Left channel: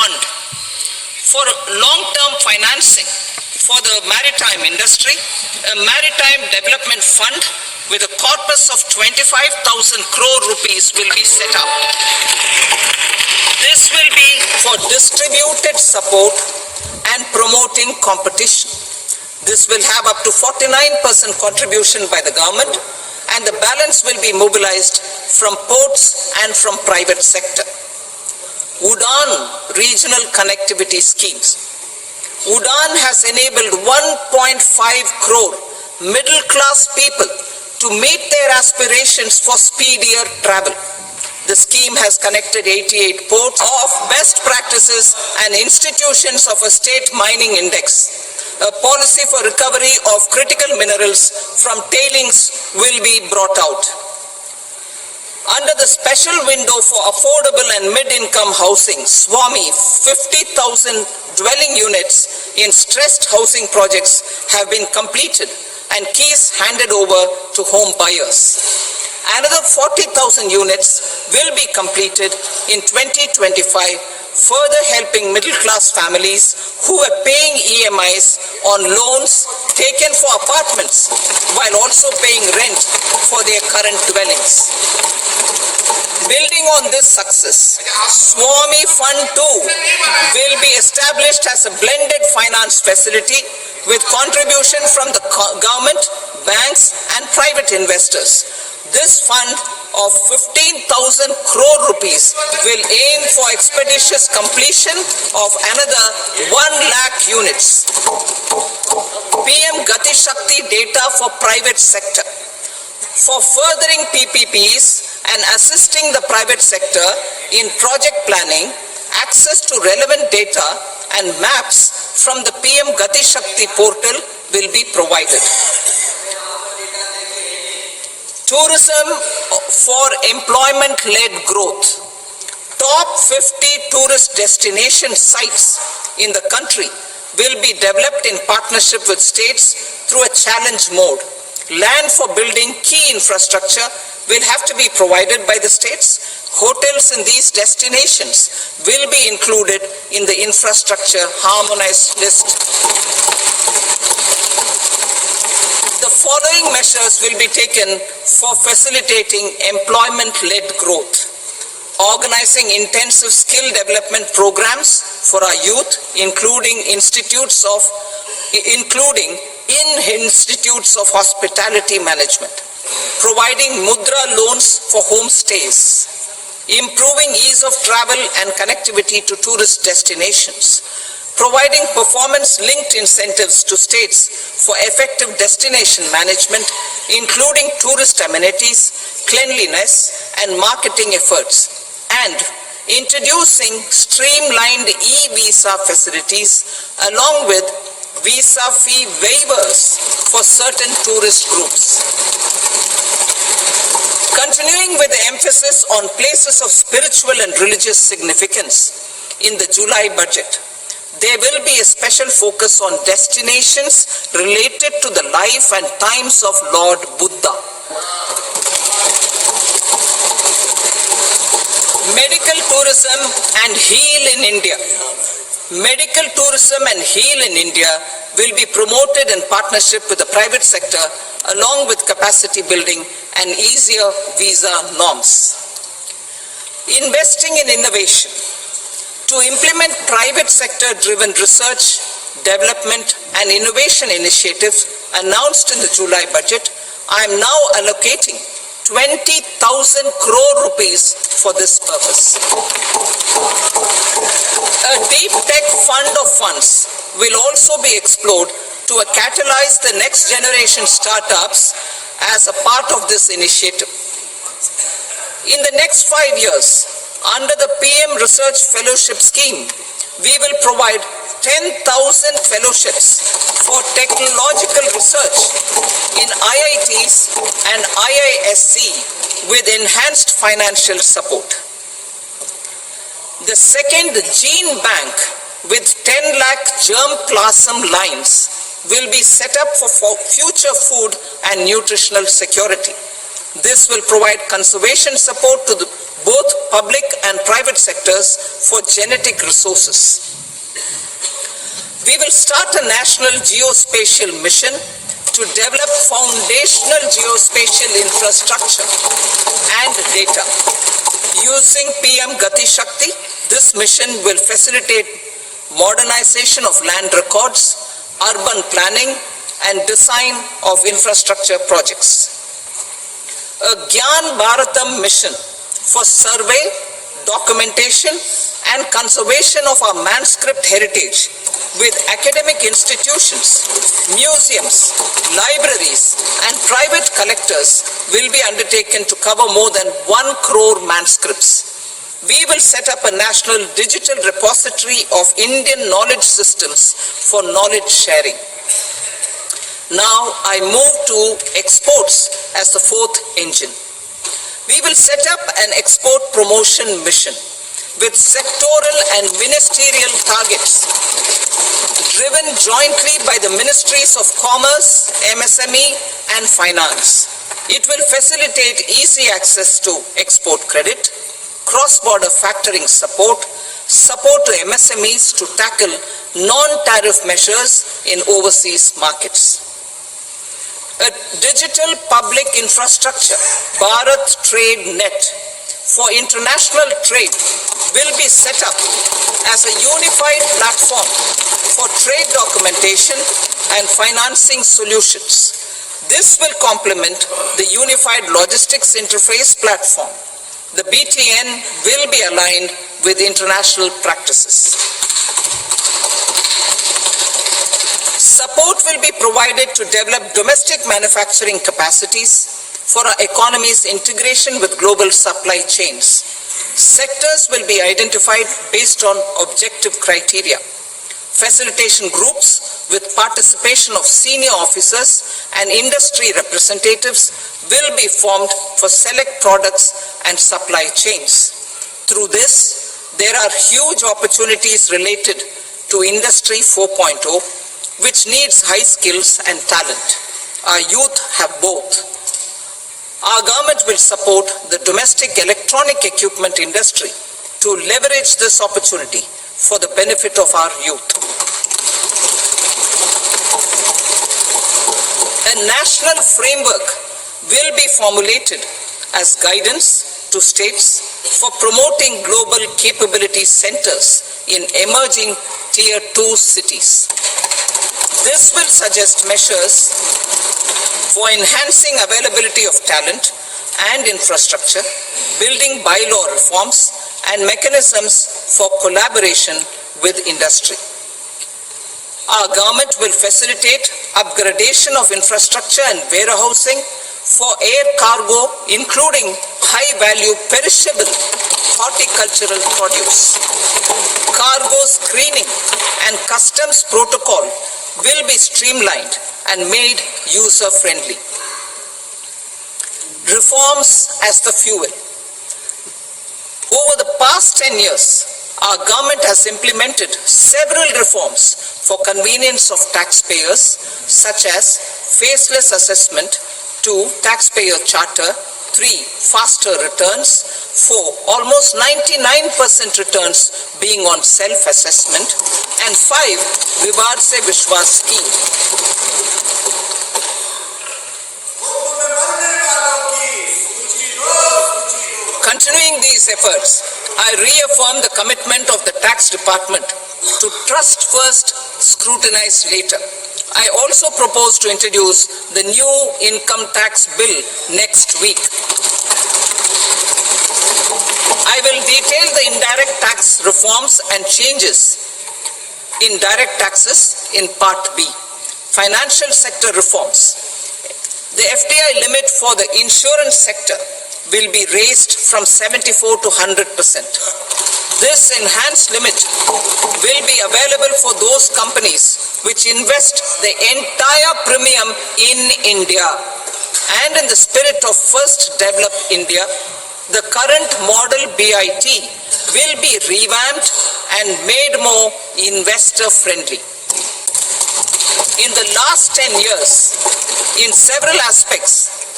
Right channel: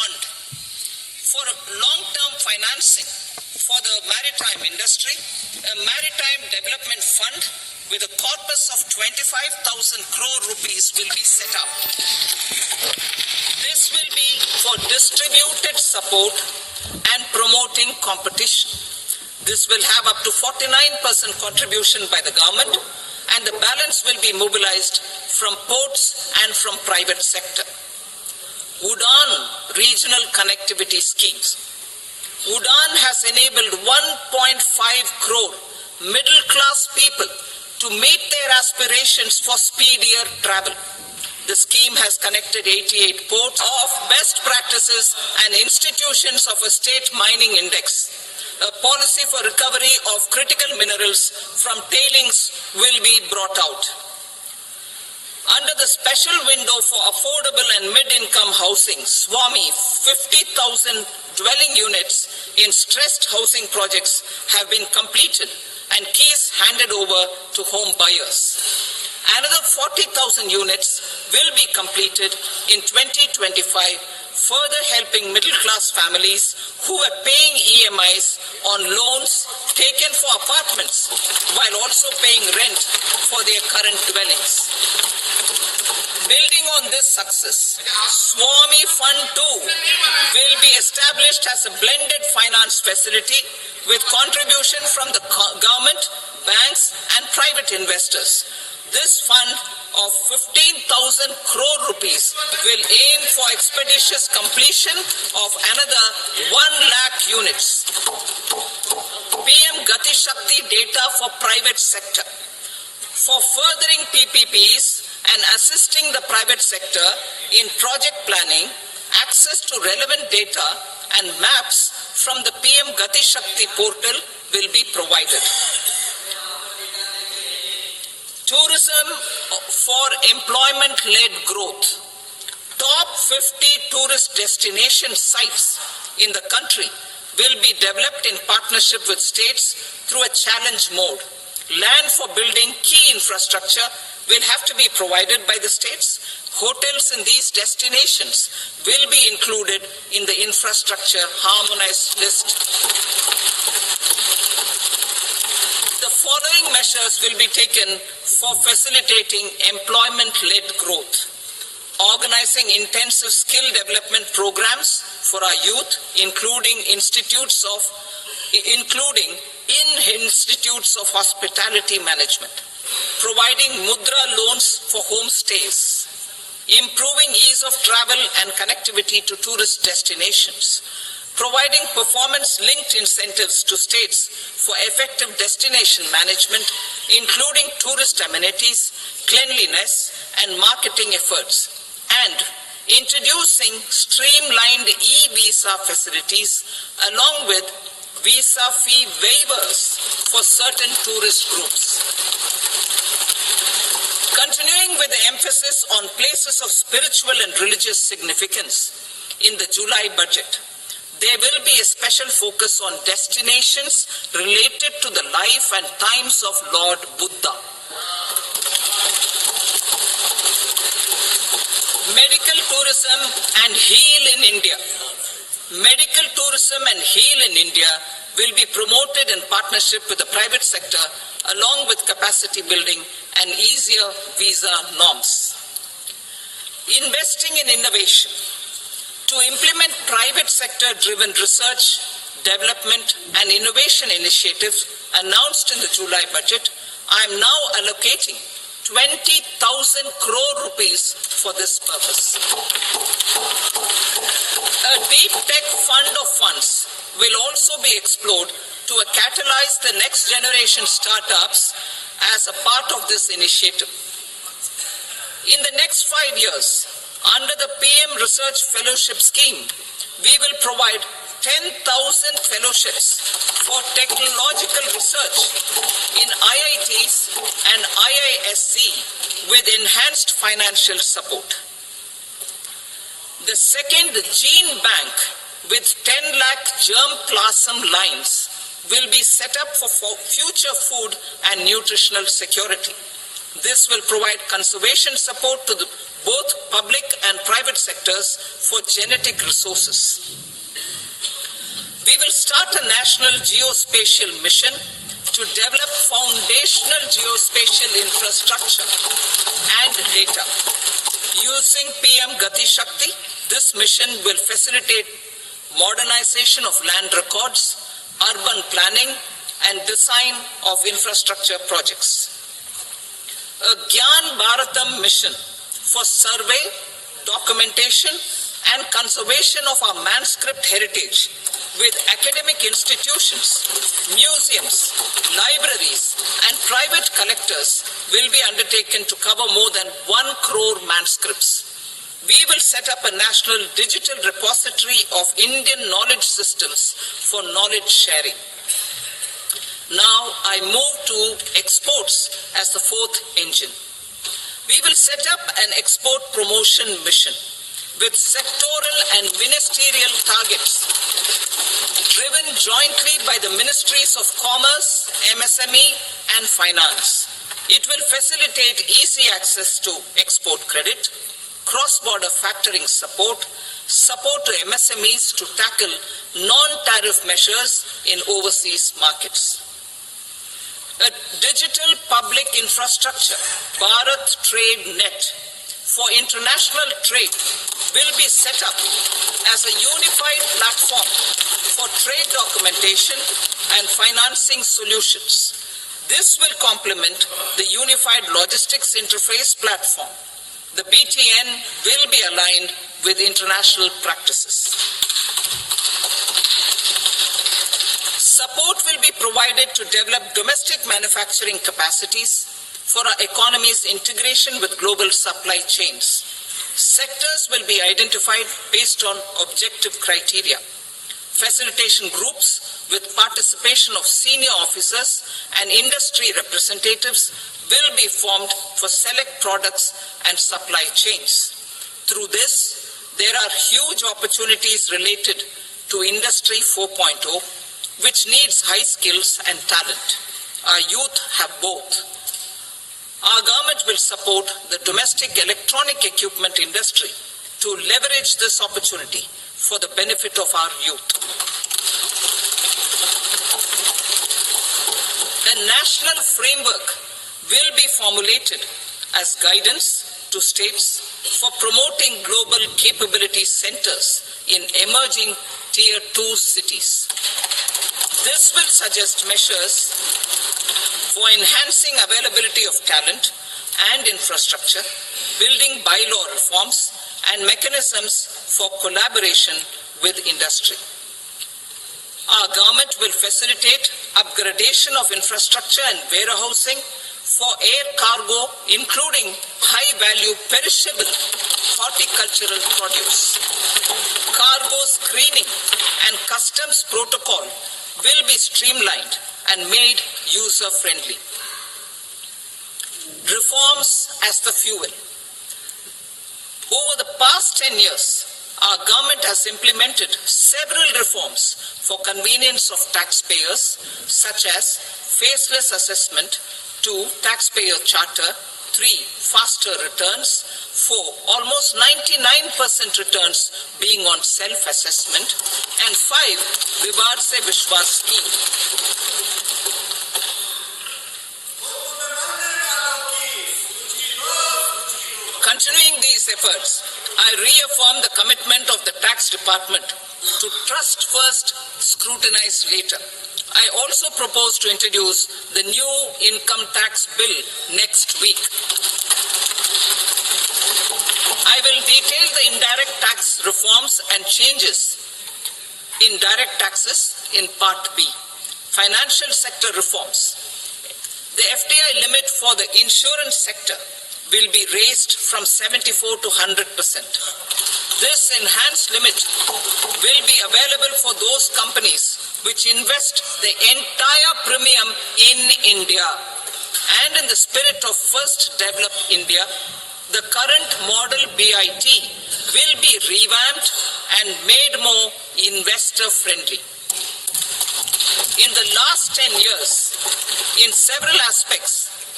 fund for long-term financing for the maritime industry, a maritime development fund with a corpus of 25,000 crore rupees will be set up. This will be for distributed support and promoting competition. This will have up to 49% contribution by the government, and the balance will be mobilized from ports and from private sector. UDAN regional connectivity schemes. UDAN has enabled 1.5 crore middle-class people to meet their aspirations for speedier travel. The scheme has connected 88 ports of best practices and institutions of a state mining index. A policy for recovery of critical minerals from tailings will be brought out. Under the special window for affordable and mid-income housing, SWAMI, 50,000 dwelling units in stressed housing projects have been completed and keys handed over to home buyers. Another 40,000 units will be completed in 2025, further helping middle-class families who are paying EMIs on loans taken for apartments while also paying rent for their current dwellings. Building on this success, SWAMI Fund 2 will be established as a blended finance facility with contribution from the government, banks and private investors. This fund of 15,000 crore rupees will aim for expeditious completion of another 1 lakh units. PM Gati Shakti data for private sector. For furthering PPPs and assisting the private sector in project planning, access to relevant data and maps from the PM Gati Shakti portal will be provided. Tourism for employment-led growth. Top 50 tourist destination sites in the country will be developed in partnership with states through a challenge mode. Land for building key infrastructure will have to be provided by the states. Hotels in these destinations will be included in the infrastructure harmonized list. The following measures will be taken for facilitating employment-led growth. Organizing intensive skill development programs for our youth, including in institutes of hospitality management. Providing mudra loans for homestays. Improving ease of travel and connectivity to tourist destinations. Providing performance-linked incentives to states for effective destination management, including tourist amenities, cleanliness, and marketing efforts. And introducing streamlined e-visa facilities along with visa fee waivers for certain tourist groups. Continuing with the emphasis on places of spiritual and religious significance in the July budget, there will be a special focus on destinations related to the life and times of Lord Buddha. Medical tourism and heal in India. Medical tourism and heal in India will be promoted in partnership with the private sector along with capacity building and easier visa norms. Investing in innovation. To implement private sector-driven research, development and innovation initiatives announced in the July budget, I am now allocating 20,000 crore rupees for this purpose. A deep tech fund of funds will also be explored to catalyze the next generation startups as a part of this initiative. In the next 5 years, under the PM Research Fellowship Scheme, we will provide 10,000 fellowships for technological research in IITs and IISc with enhanced financial support. The second Gene Bank with 10 lakh germ plasm lines will be set up for future food and nutritional security. This will provide conservation support to both public and private sectors for genetic resources. We will start a national geospatial mission to develop foundational geospatial infrastructure and data. Using PM Gati Shakti, this mission will facilitate modernization of land records, urban planning, and design of infrastructure projects. A Gyan Bharatam mission for survey, documentation, and conservation of our manuscript heritage with academic institutions, museums, libraries, and private collectors will be undertaken to cover more than 1 crore manuscripts. We will set up a national digital repository of Indian knowledge systems for knowledge sharing. Now I move to exports as the fourth engine. We will set up an export promotion mission with sectoral and ministerial targets driven jointly by the Ministries of Commerce, MSME, and Finance. It will facilitate easy access to export credit, cross-border factoring support, support to MSMEs to tackle non-tariff measures in overseas markets. A digital public infrastructure, Bharat Trade Net, for international trade will be set up as a unified platform for trade documentation and financing solutions. This will complement the Unified Logistics Interface platform. The BTN will be aligned with international practices. Support will be provided to develop domestic manufacturing capacities for our economy's integration with global supply chains. Sectors will be identified based on objective criteria. Facilitation groups with participation of senior officers and industry representatives will be formed for select products and supply chains. Through this, there are huge opportunities related to Industry 4.0, which needs high skills and talent. Our youth have both. Our government will support the domestic electronic equipment industry to leverage this opportunity for the benefit of our youth. A national framework will be formulated as guidance to states for promoting global capability centers in emerging Tier 2 cities. This will suggest measures for enhancing availability of talent and infrastructure, building bylaw reforms, and mechanisms for collaboration with industry. Our government will facilitate upgradation of infrastructure and warehousing for air cargo, including high-value perishable horticultural produce. Cargo screening and customs protocol will be streamlined and made user-friendly. Reforms as the fuel. Over the past 10 years, our government has implemented several reforms for convenience of taxpayers, such as faceless assessment, 2, taxpayer charter, 3, faster returns, 4, almost 99% returns being on self-assessment, and 5, Vivad Se Vishwas scheme. Continuing these efforts, I reaffirm the commitment of the tax department to trust first, scrutinize later. I also propose to introduce the new income tax bill next week. I will detail the indirect tax reforms and changes in direct taxes in Part B. Financial sector reforms. The FDI limit for the insurance sector will be raised from 74 to 100%. This enhanced limit will be available for those companies which invest the entire premium in India. And in the spirit of First Develop India, the current model BIT will be revamped and made more investor-friendly. In the last 10 years, in several aspects,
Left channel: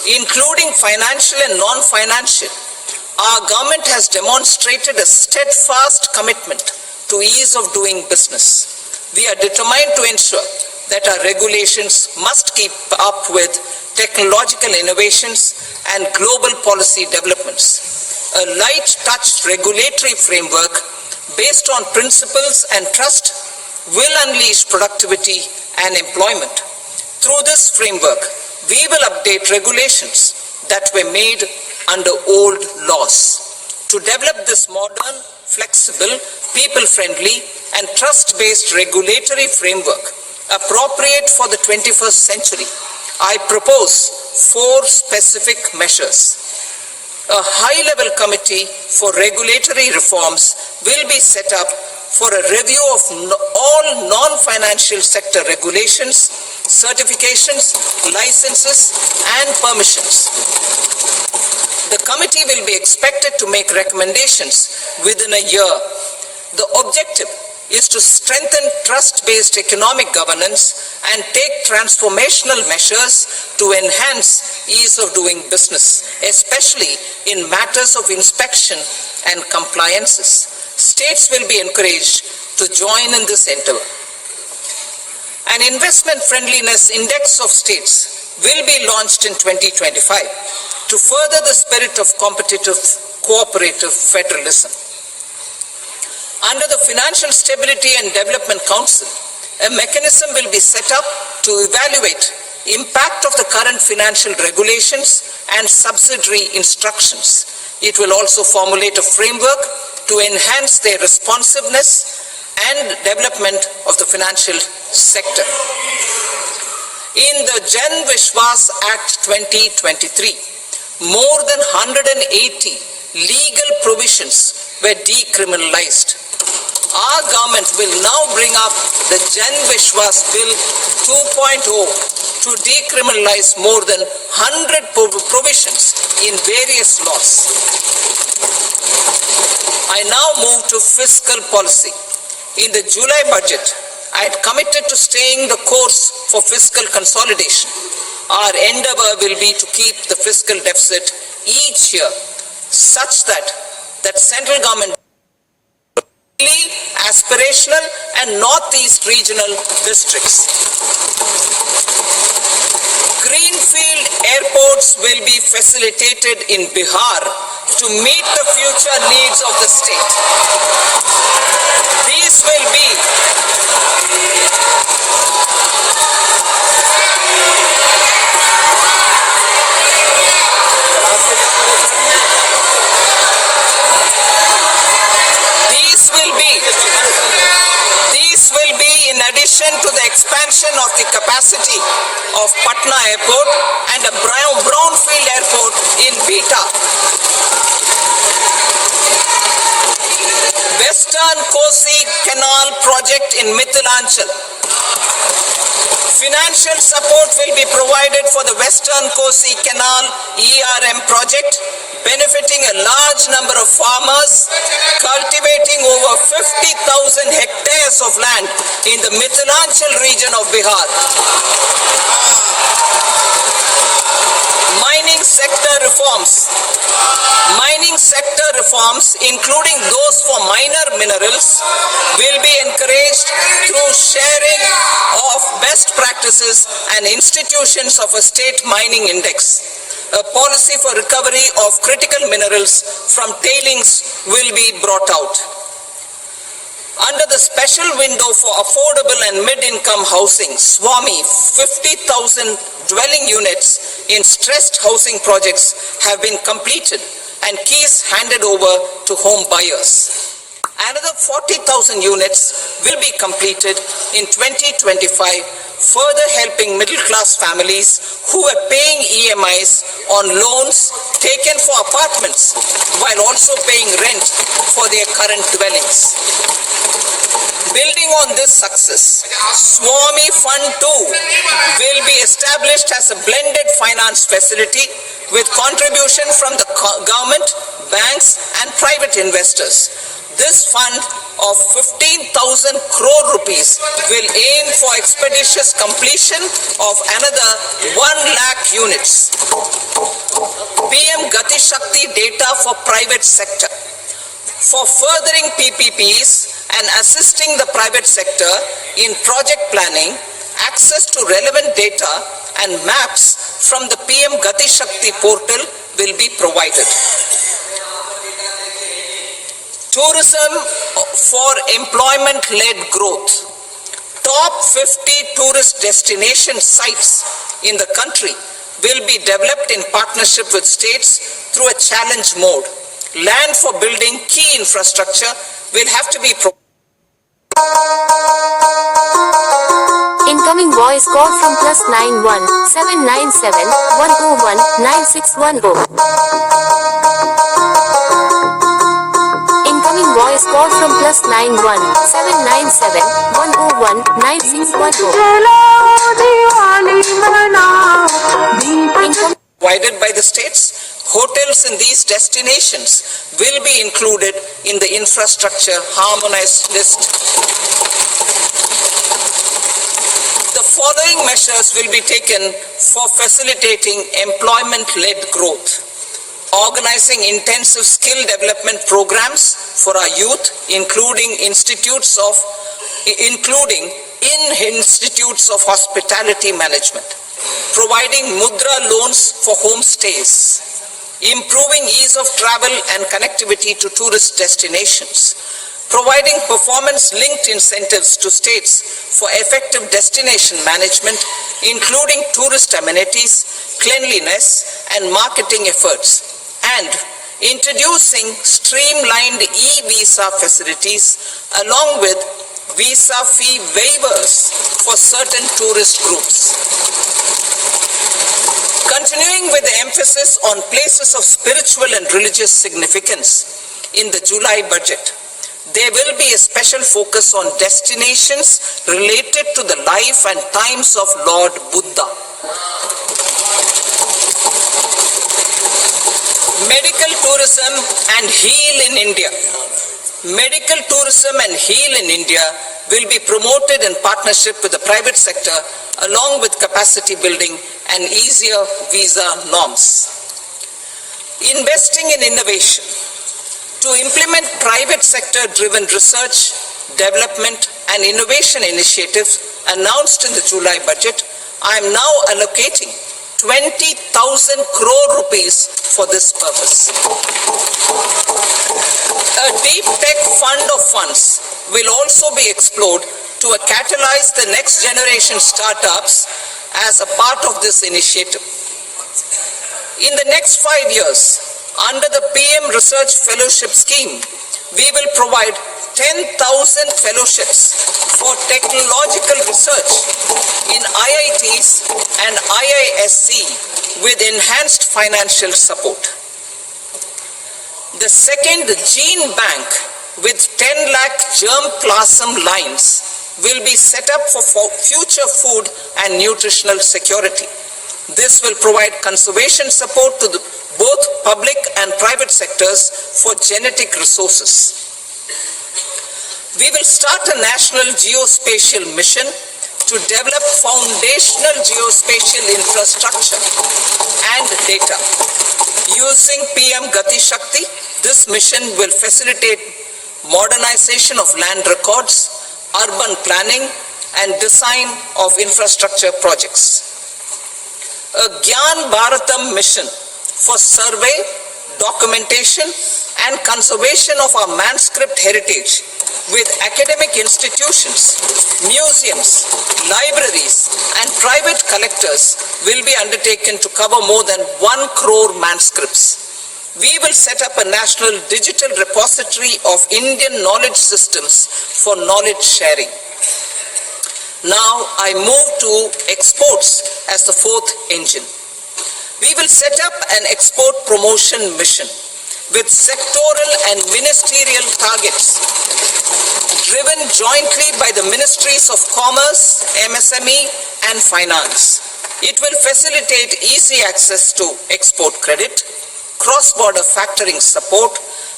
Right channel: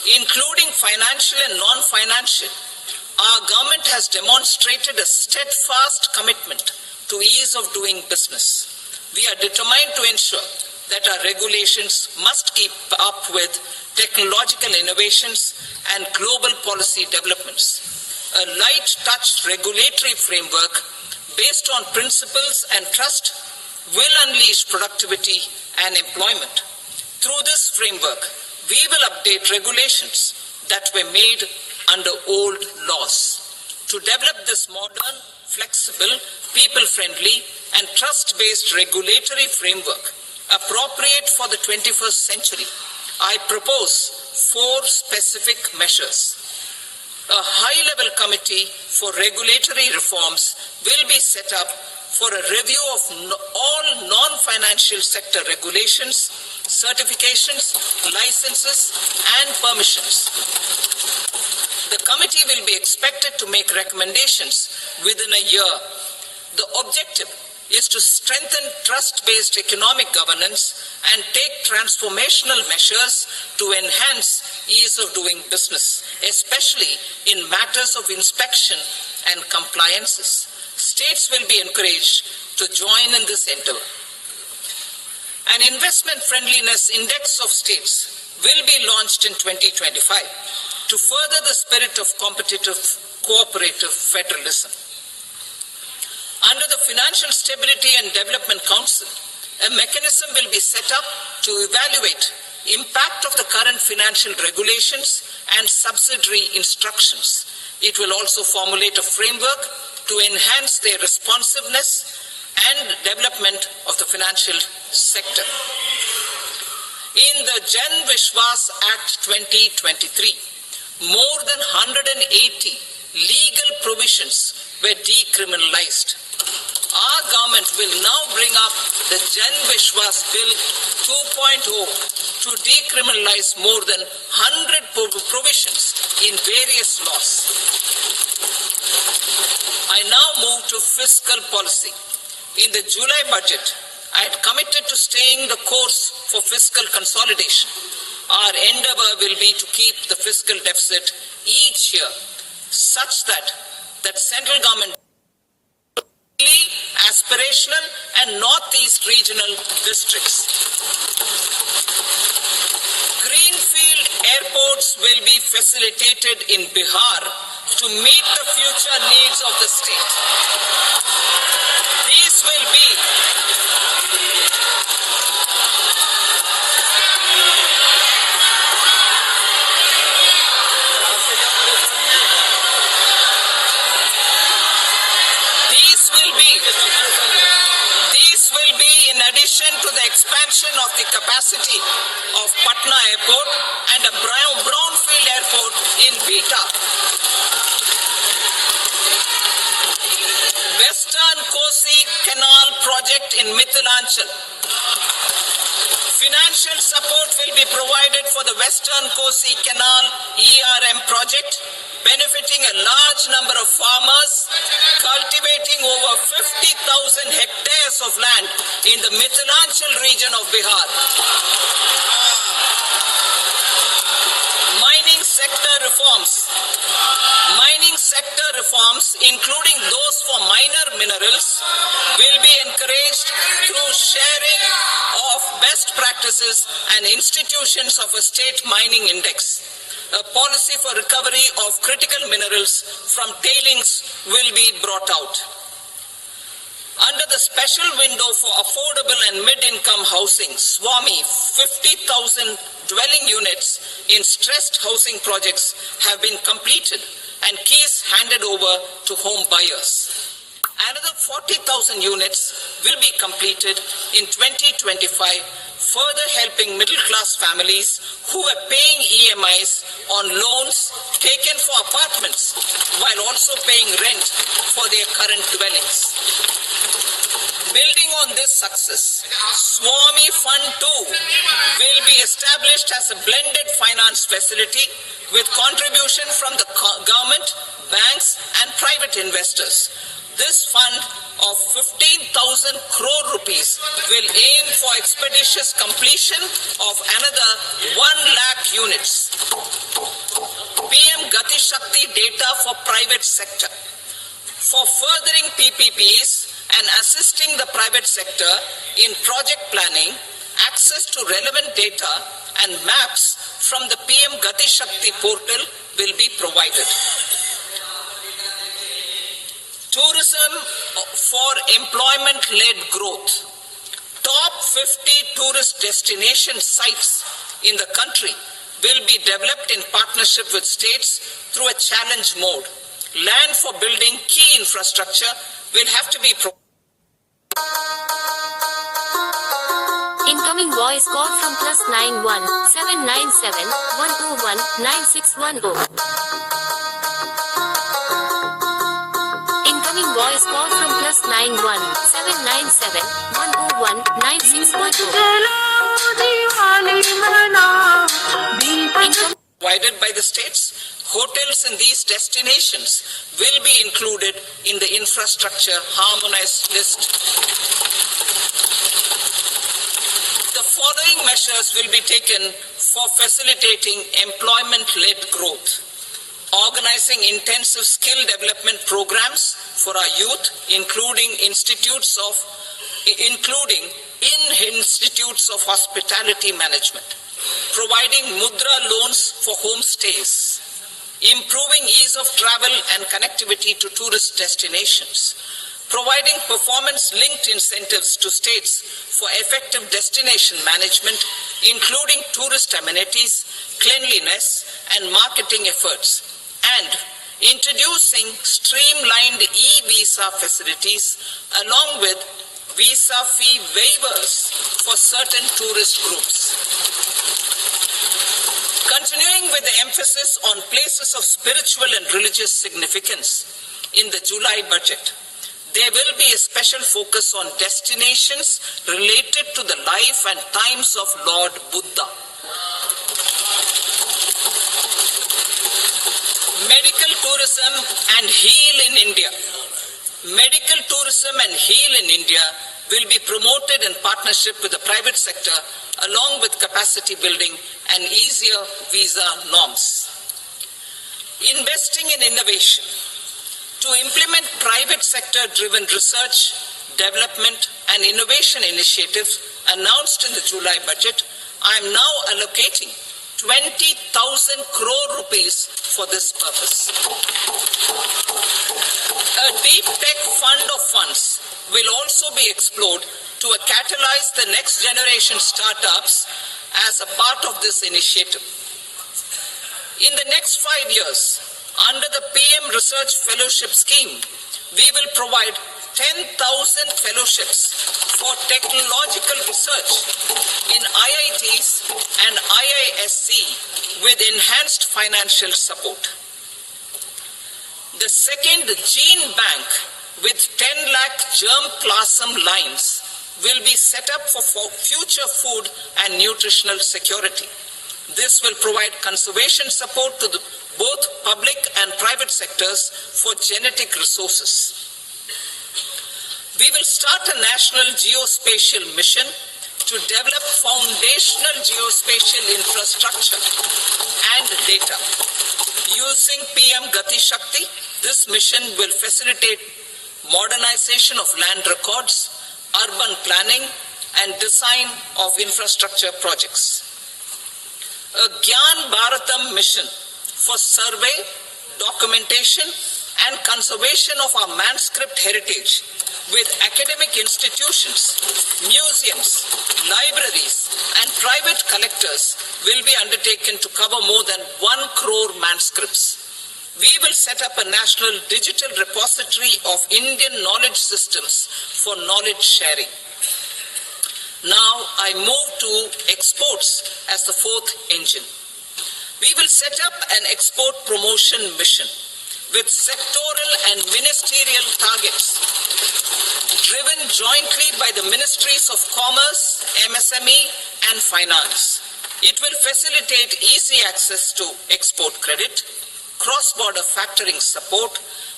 including financial and non-financial, our government has demonstrated a steadfast commitment to ease of doing business. We are determined to ensure that our regulations must keep up with technological innovations and global policy developments. A light-touch regulatory framework based on principles and trust will unleash productivity and employment. Through this framework, we will update regulations that were made under old laws. To develop this modern, flexible, people-friendly, and trust-based regulatory framework appropriate for the 21st century, I propose 4 specific measures. A high-level committee for regulatory reforms will be set up for a review of all non-financial sector regulations, certifications, licenses, and permissions. The committee will be expected to make recommendations within a year. The objective is to strengthen trust-based economic governance and take transformational measures to enhance ease of doing business, especially in matters of inspection and compliances. States will be encouraged to join in this endeavor. An investment friendliness index of states will be launched in 2025 to further the spirit of competitive, cooperative federalism. Under the Financial Stability and Development Council, a mechanism will be set up to evaluate impact of the current financial regulations and subsidiary instructions. It will also formulate a framework to enhance their responsiveness and development of the financial sector. In the Jan Vishwas Act 2023, more than 180 legal provisions were decriminalized. Our government will now bring up the Jan Vishwas Bill 2.0 to decriminalize more than 100 provisions in various laws. I now move to fiscal policy. In the July budget, I had committed to staying the course for fiscal consolidation. Our endeavor will be to keep the fiscal deficit each year such that central government aspirational and northeast regional districts. Greenfield airports will be facilitated in Bihar to meet the future needs of the state. These will be in addition to the expansion of the capacity of Patna Airport and a brownfield airport in Beta. Western Kosi Canal project in Mithilanchal. Financial support will be provided for the Western Kosi Canal ERM project, benefiting a large number of farmers, cultivating over 50,000 hectares of land in the Mithilanchal region of Bihar. Mining sector reforms. Mining sector reforms, including those for minor minerals, will be encouraged through sharing of best practices and institutions of a state mining index. A policy for recovery of critical minerals from tailings will be brought out. Under the special window for affordable and mid-income housing, SWAMI, 50,000 dwelling units in stressed housing projects have been completed and keys handed over to home buyers. Another 40,000 units will be completed in 2025, further helping middle-class families who are paying EMIs on loans taken for apartments while also paying rent for their current dwellings. Building on this success, SWAMI Fund 2 will be established as a blended finance facility with contribution from the government, banks and private investors. This fund of 15,000 crore rupees will aim for expeditious completion of another 1 lakh units. PM Gati Shakti data for private sector. For furthering PPPs and assisting the private sector in project planning, access to relevant data and maps from the PM Gati Shakti portal will be provided. Tourism for employment-led growth. Top 50 tourist destination sites in the country will be developed in partnership with states through a challenge mode. Land for building key infrastructure will have to be provided. Incoming voice call from +91 797 101 9610. Incoming voice call from +91 797 101 9610. Provided by the states, hotels in these destinations will be included in the infrastructure harmonized list. The following measures will be taken for facilitating employment-led growth. Organizing intensive skill development programs for our youth, including in institutes of hospitality management. Providing mudra loans for homestays. Improving ease of travel and connectivity to tourist destinations. Providing performance-linked incentives to states for effective destination management, including tourist amenities, cleanliness, and marketing efforts. And introducing streamlined e-visa facilities along with visa fee waivers for certain tourist groups. Continuing with the emphasis on places of spiritual and religious significance in the July budget, there will be a special focus on destinations related to the life and times of Lord Buddha. Medical tourism and heal in India. Medical tourism and heal in India will be promoted in partnership with the private sector along with capacity building and easier visa norms. Investing in innovation. To implement private sector-driven research, development and innovation initiatives announced in the July budget, I am now allocating 20,000 crore rupees for this purpose. A deep tech fund of funds will also be explored to catalyze the next generation startups as a part of this initiative. In the next 5 years, under the PM Research Fellowship Scheme, we will provide 10,000 fellowships for technological research in IITs and IISc with enhanced financial support. The second gene bank with 10 lakh germplasm lines will be set up for future food and nutritional security. This will provide conservation support to both public and private sectors for genetic resources. We will start a national geospatial mission to develop foundational geospatial infrastructure and data. Using PM Gati Shakti, this mission will facilitate modernization of land records, urban planning, and design of infrastructure projects. A Gyan Bharatam mission for survey, documentation, and conservation of our manuscript heritage with academic institutions, museums, libraries, and private collectors will be undertaken to cover more than 1 crore manuscripts. We will set up a national digital repository of Indian knowledge systems for knowledge sharing. Now I move to exports as the fourth engine. We will set up an export promotion mission with sectoral and ministerial targets driven jointly by the Ministries of Commerce, MSME, and Finance. It will facilitate easy access to export credit, cross-border factoring support,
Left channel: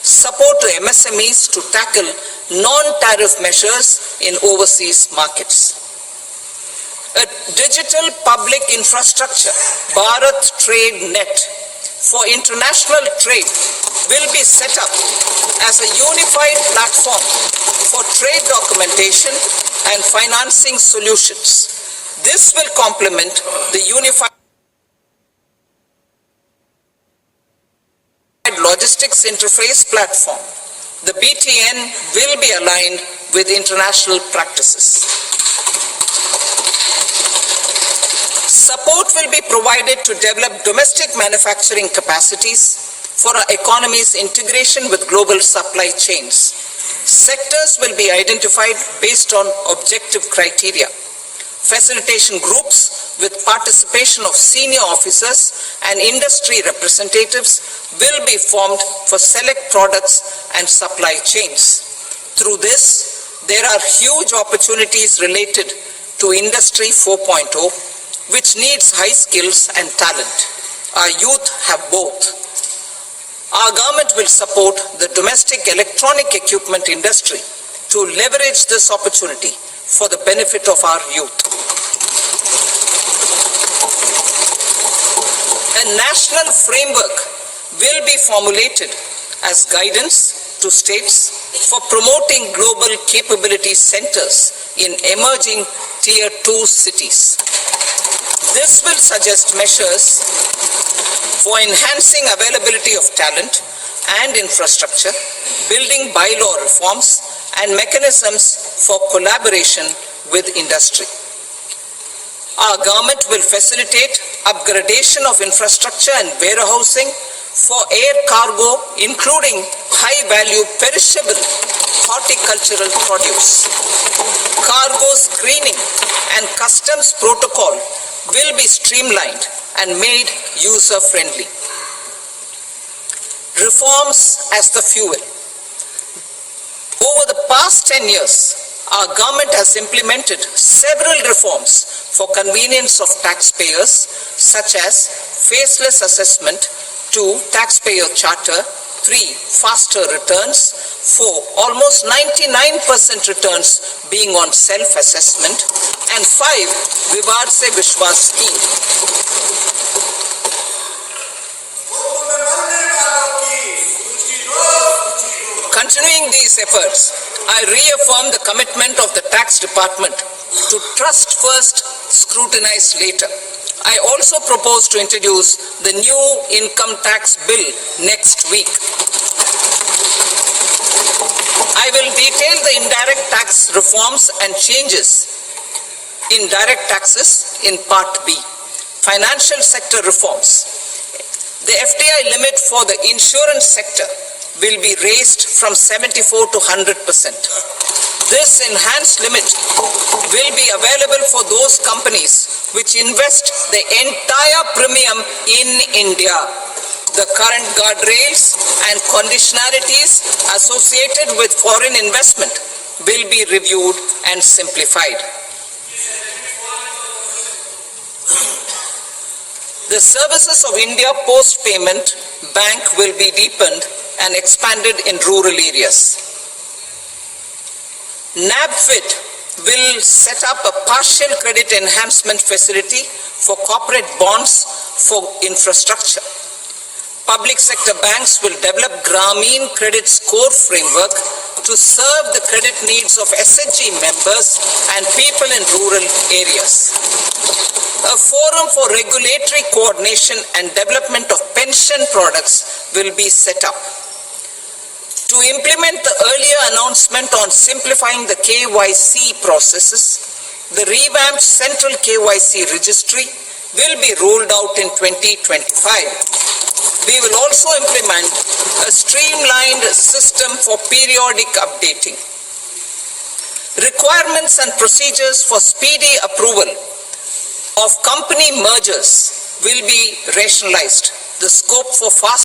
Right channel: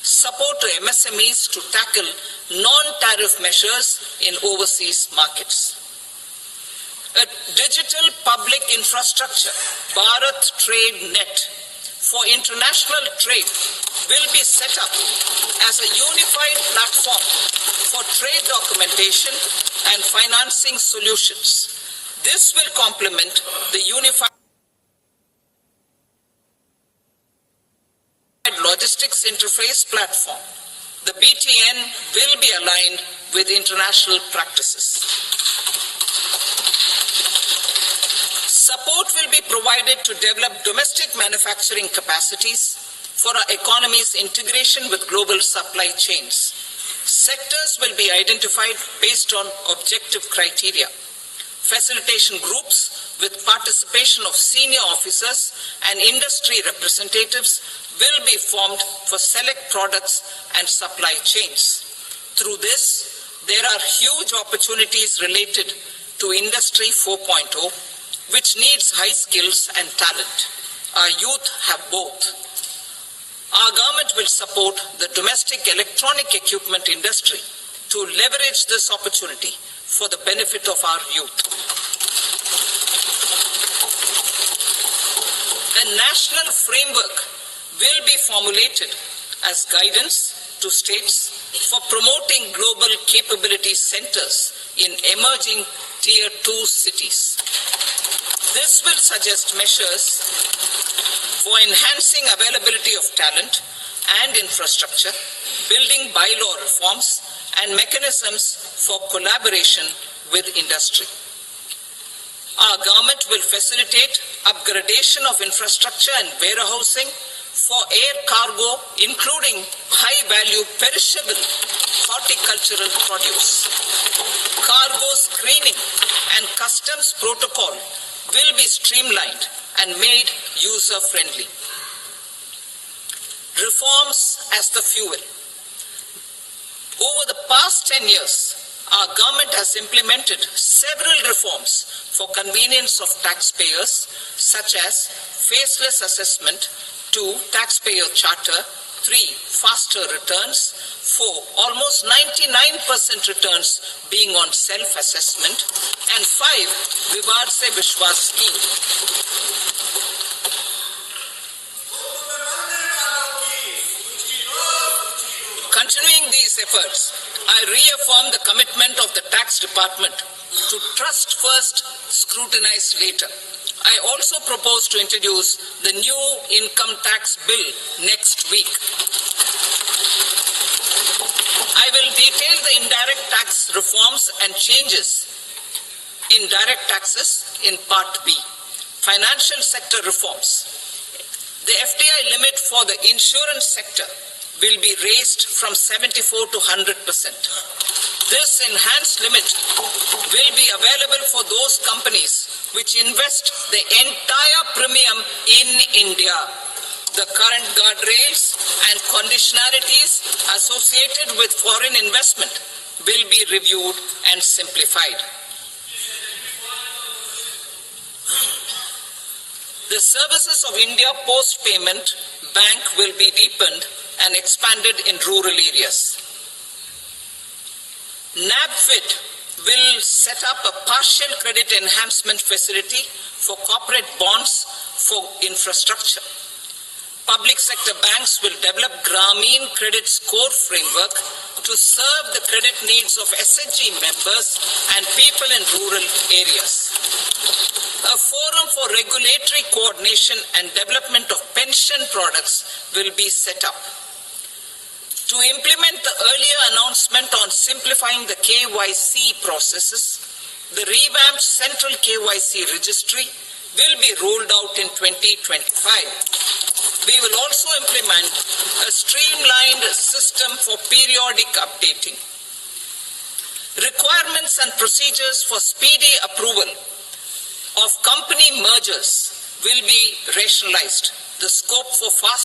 support to MSMEs to tackle non-tariff measures in overseas markets. A digital public infrastructure, Bharat Trade Net, for international trade will be set up as a unified platform for trade documentation and financing solutions. This will complement the unified logistics interface platform. The BTN will be aligned with international practices. Support will be provided to develop domestic manufacturing capacities for our economy's integration with global supply chains. Sectors will be identified based on objective criteria. Facilitation groups with participation of senior officers and industry representatives will be formed for select products and supply chains. Through this, there are huge opportunities related to Industry 4.0, which needs high skills and talent. Our youth have both. Our government will support the domestic electronic equipment industry to leverage this opportunity for the benefit of our youth. A national framework will be formulated as guidance to states for promoting global capability centers in emerging Tier 2 cities. This will suggest measures for enhancing availability of talent and infrastructure, building bylaw reforms, and mechanisms for collaboration with industry. Our government will facilitate upgradation of infrastructure and warehousing for air cargo, including high-value perishable horticultural produce. Cargo screening and customs protocol will be streamlined and made user-friendly. Reforms as the fuel. Over the past 10 years, our government has implemented several reforms for convenience of taxpayers, such as faceless assessment, 2, taxpayer charter, 3, faster returns, 4, almost 99% returns being on self-assessment, and 5, Vivad Se Vishwas scheme. Continuing these efforts, I reaffirm the commitment of the tax department to trust first, scrutinize later. I also propose to introduce the new income tax bill next week. I will detail the indirect tax reforms and changes in direct taxes in Part B. Financial sector reforms. The FDI limit for the insurance sector will be raised from 74 to 100%. This enhanced limit will be available for those companies which invest the entire premium in India. The current guardrails and conditionalities associated with foreign investment will be reviewed and simplified. The services of India Post Payment Bank will be deepened and expanded in rural areas. NABFID will set up a partial credit enhancement facility for corporate bonds for infrastructure. Public sector banks will develop Grameen Credit Score Framework to serve the credit needs of SHG members and people in rural areas. A forum for regulatory coordination and development of pension products will be set up. To implement the earlier announcement on simplifying the KYC processes, the revamped Central KYC Registry will be rolled out in 2025. We will also implement a streamlined system for periodic updating. Requirements and procedures for speedy approval of company mergers will be rationalized. The scope for fast